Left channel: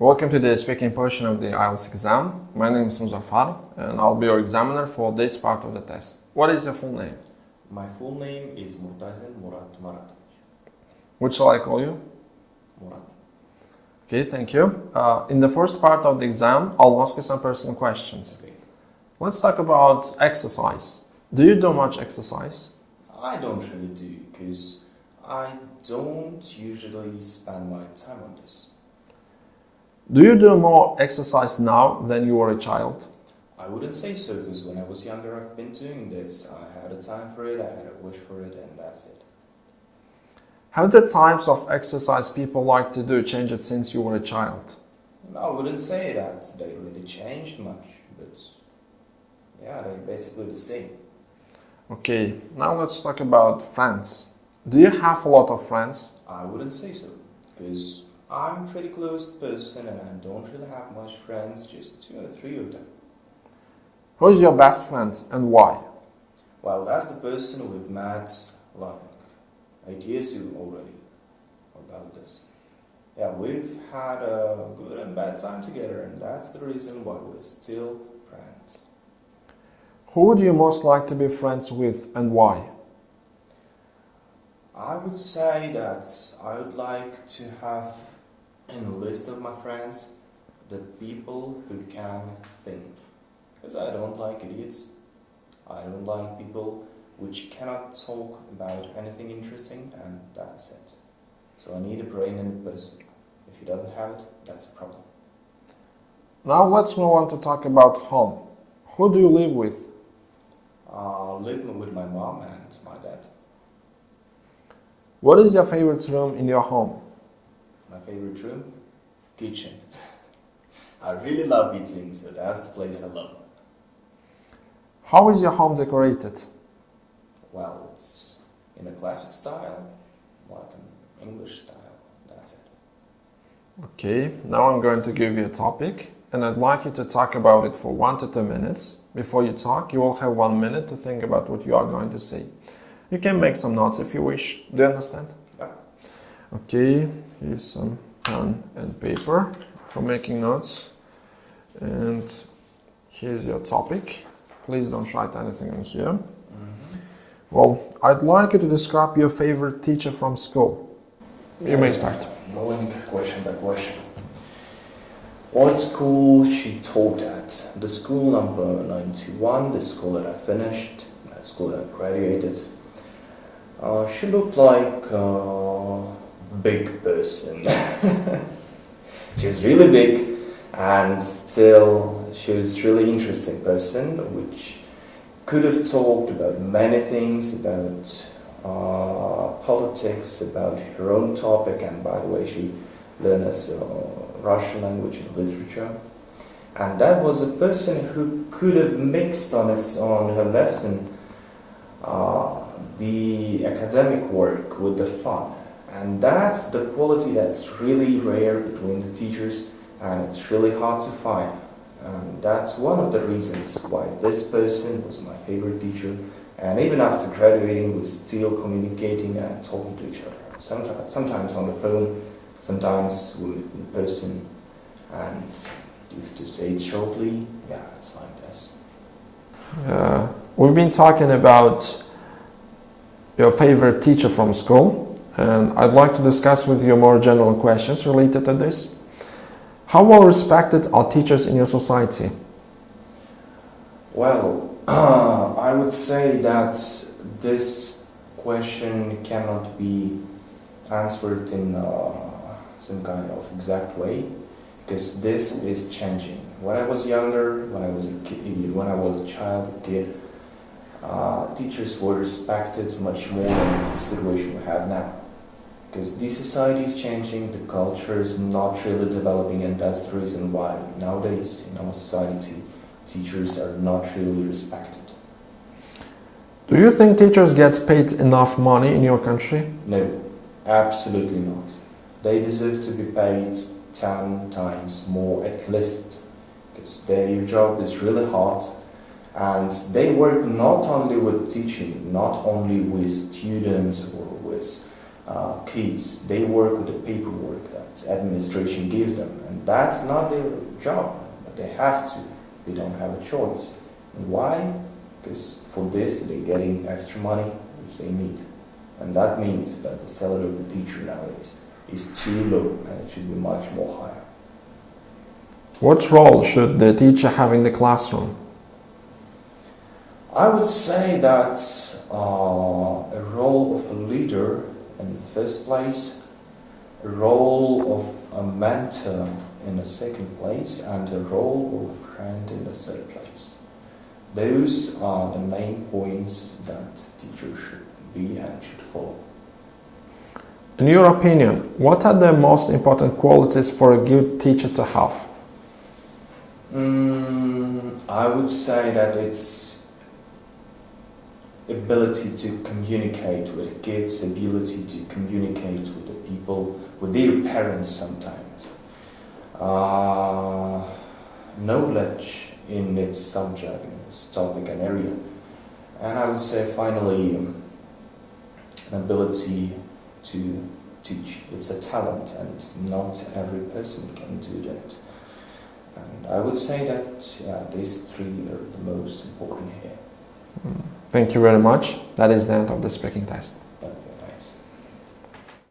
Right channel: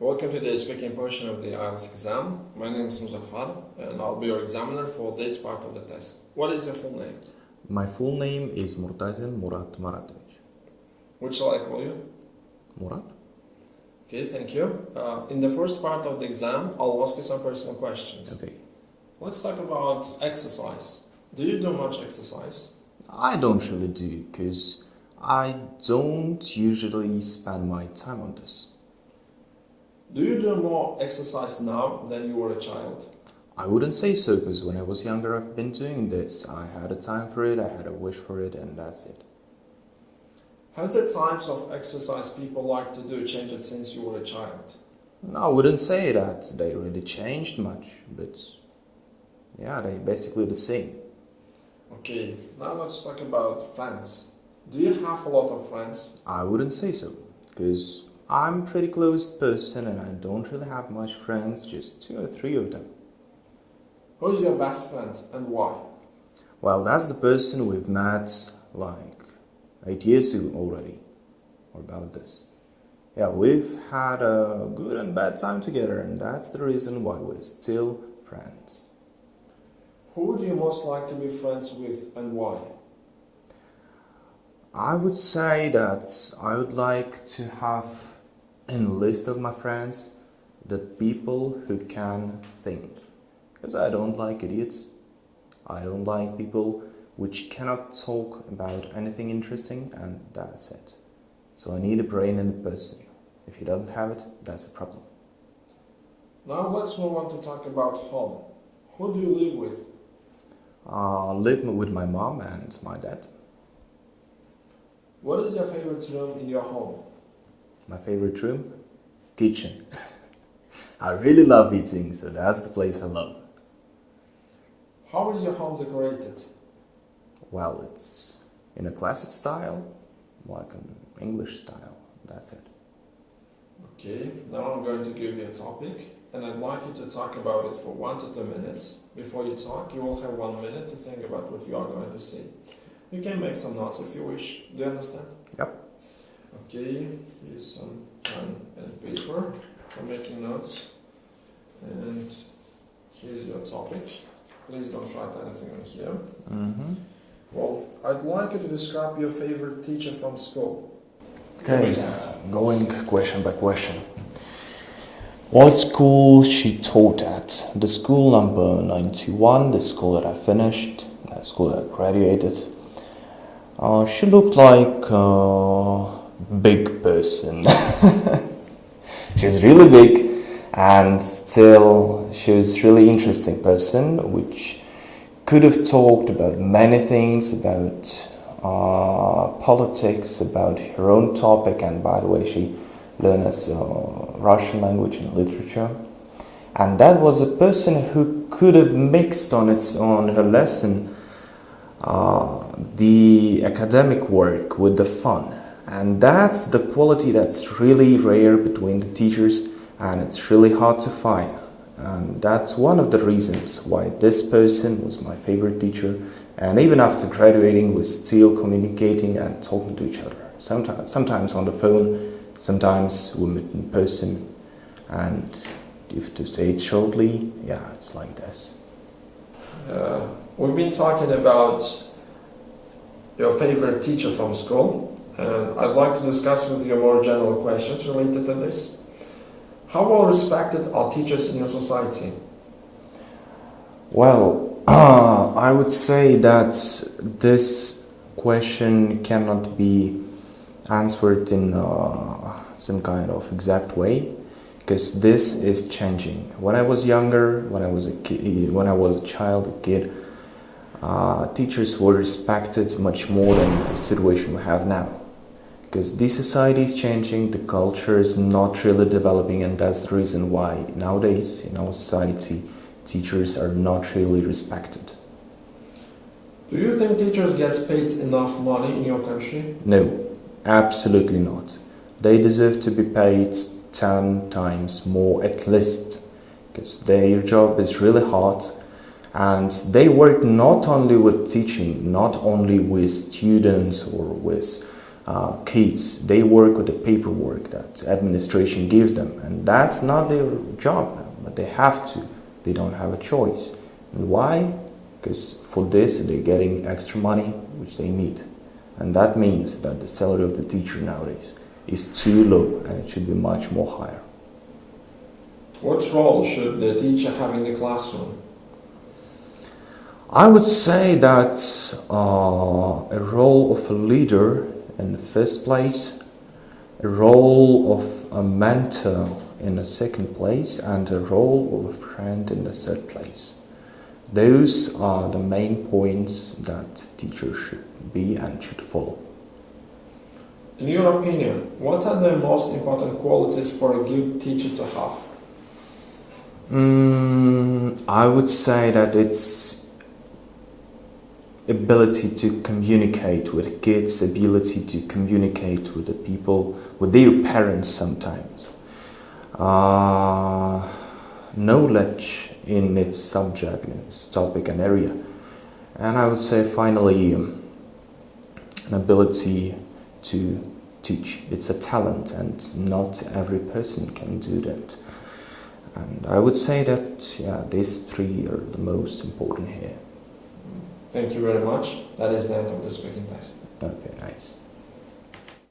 Welcome to the speaking portion of the IELTS exam. My name is Muzaffar and I'll be your examiner for this part of the test. What is your full name? My full name is Murtazin Murat Maratovich. What shall I call you? Murat? Okay, thank you. In the first part of the exam, I'll ask you some personal questions. Okay. Let's talk about exercise. Do you do much exercise? I don't really do, because I don't usually spend my time on this. Do you do more exercise now than you were a child? I wouldn't say so, because when I was younger I've been doing this. I had a time for it, I had a wish for it, and that's it. Have the types of exercise people like to do changed since you were a child? No, I wouldn't say that they really changed much, but yeah, they're basically the same. Okay, now let's talk about friends. Do you have a lot of friends? I wouldn't say so, because I'm a pretty closed person and I don't really have much friends, just 2 or 3 of them. Who's your best friend and why? Well, that's the person we've met like 8 years ago already about this. Yeah, we've had a good and bad time together, and that's the reason why we're still friends. Who would you most like to be friends with and why? I would say that I would like to have in the list of my friends the people who can think. Because I don't like idiots. I don't like people which cannot talk about anything interesting, and that's it. So I need a brain in a person. If he doesn't have it, that's a problem. Now let's move on to talk about home. Who do you live with? Live with my mom and my dad. What is your favorite room in your home? My favorite room? Kitchen. I really love eating, so that's the place I love. How is your home decorated? Well, it's in a classic style, like an English style. That's it. Okay, now I'm going to give you a topic and I'd like you to talk about it for 1 to 2 minutes. Before you talk, you will have 1 minute to think about what you are going to say. You can make some notes if you wish. Do you understand? Yep. Okay, here's some pen and paper for making notes. And here's your topic. Please don't write anything in here. Well, I'd like you to describe your favorite teacher from school. You may start. Going question by question. What school she taught at? The school number 91, the school that I finished, the school that I graduated. She looked like a big person. She was really big, and still she was really interesting person, which could have talked about many things, about politics, about her own topic, and by the way she learned as Russian language and literature. And that was a person who could have mixed on her lesson the academic work with the fun. And that's the quality that's really rare between the teachers, and it's really hard to find. And that's one of the reasons why this person was my favorite teacher. And even after graduating, we're still communicating and talking to each other. Sometimes on the phone, sometimes we meet in person. And if to say it shortly, yeah, it's like this. We've been talking about your favorite teacher from school, and I'd like to discuss with you more general questions related to this. How well respected are teachers in your society? Well, I would say that this question cannot be answered in some kind of exact way, because this is changing. When I was younger, when I was a kid, teachers were respected much more than the situation we have now. Because the society is changing, the culture is not really developing, and that's the reason why nowadays in our society teachers are not really respected. Do you think teachers get paid enough money in your country? No, absolutely not. They deserve to be paid 10 times more at least, because their job is really hard, and they work not only with teaching, not only with students or with kids, they work with the paperwork that administration gives them, and that's not their job, but they have to. They don't have a choice. And why? Because for this they're getting extra money which they need, and that means that the salary of the teacher nowadays is too low and it should be much more higher. What role should the teacher have in the classroom? I would say that a role of a leader in the first place, a role of a mentor in the second place, and a role of a friend in the third place. Those are the main points that teachers should be and should follow. In your opinion, what are the most important qualities for a good teacher to have? I would say that it's ability to communicate with kids, ability to communicate with the people, with their parents sometimes. Knowledge in its subject, in its topic and area. And I would say finally an ability to teach. It's a talent and not every person can do that. And I would say that these three are the most important here. Thank you very much. That is the end of the speaking test. Okay, nice.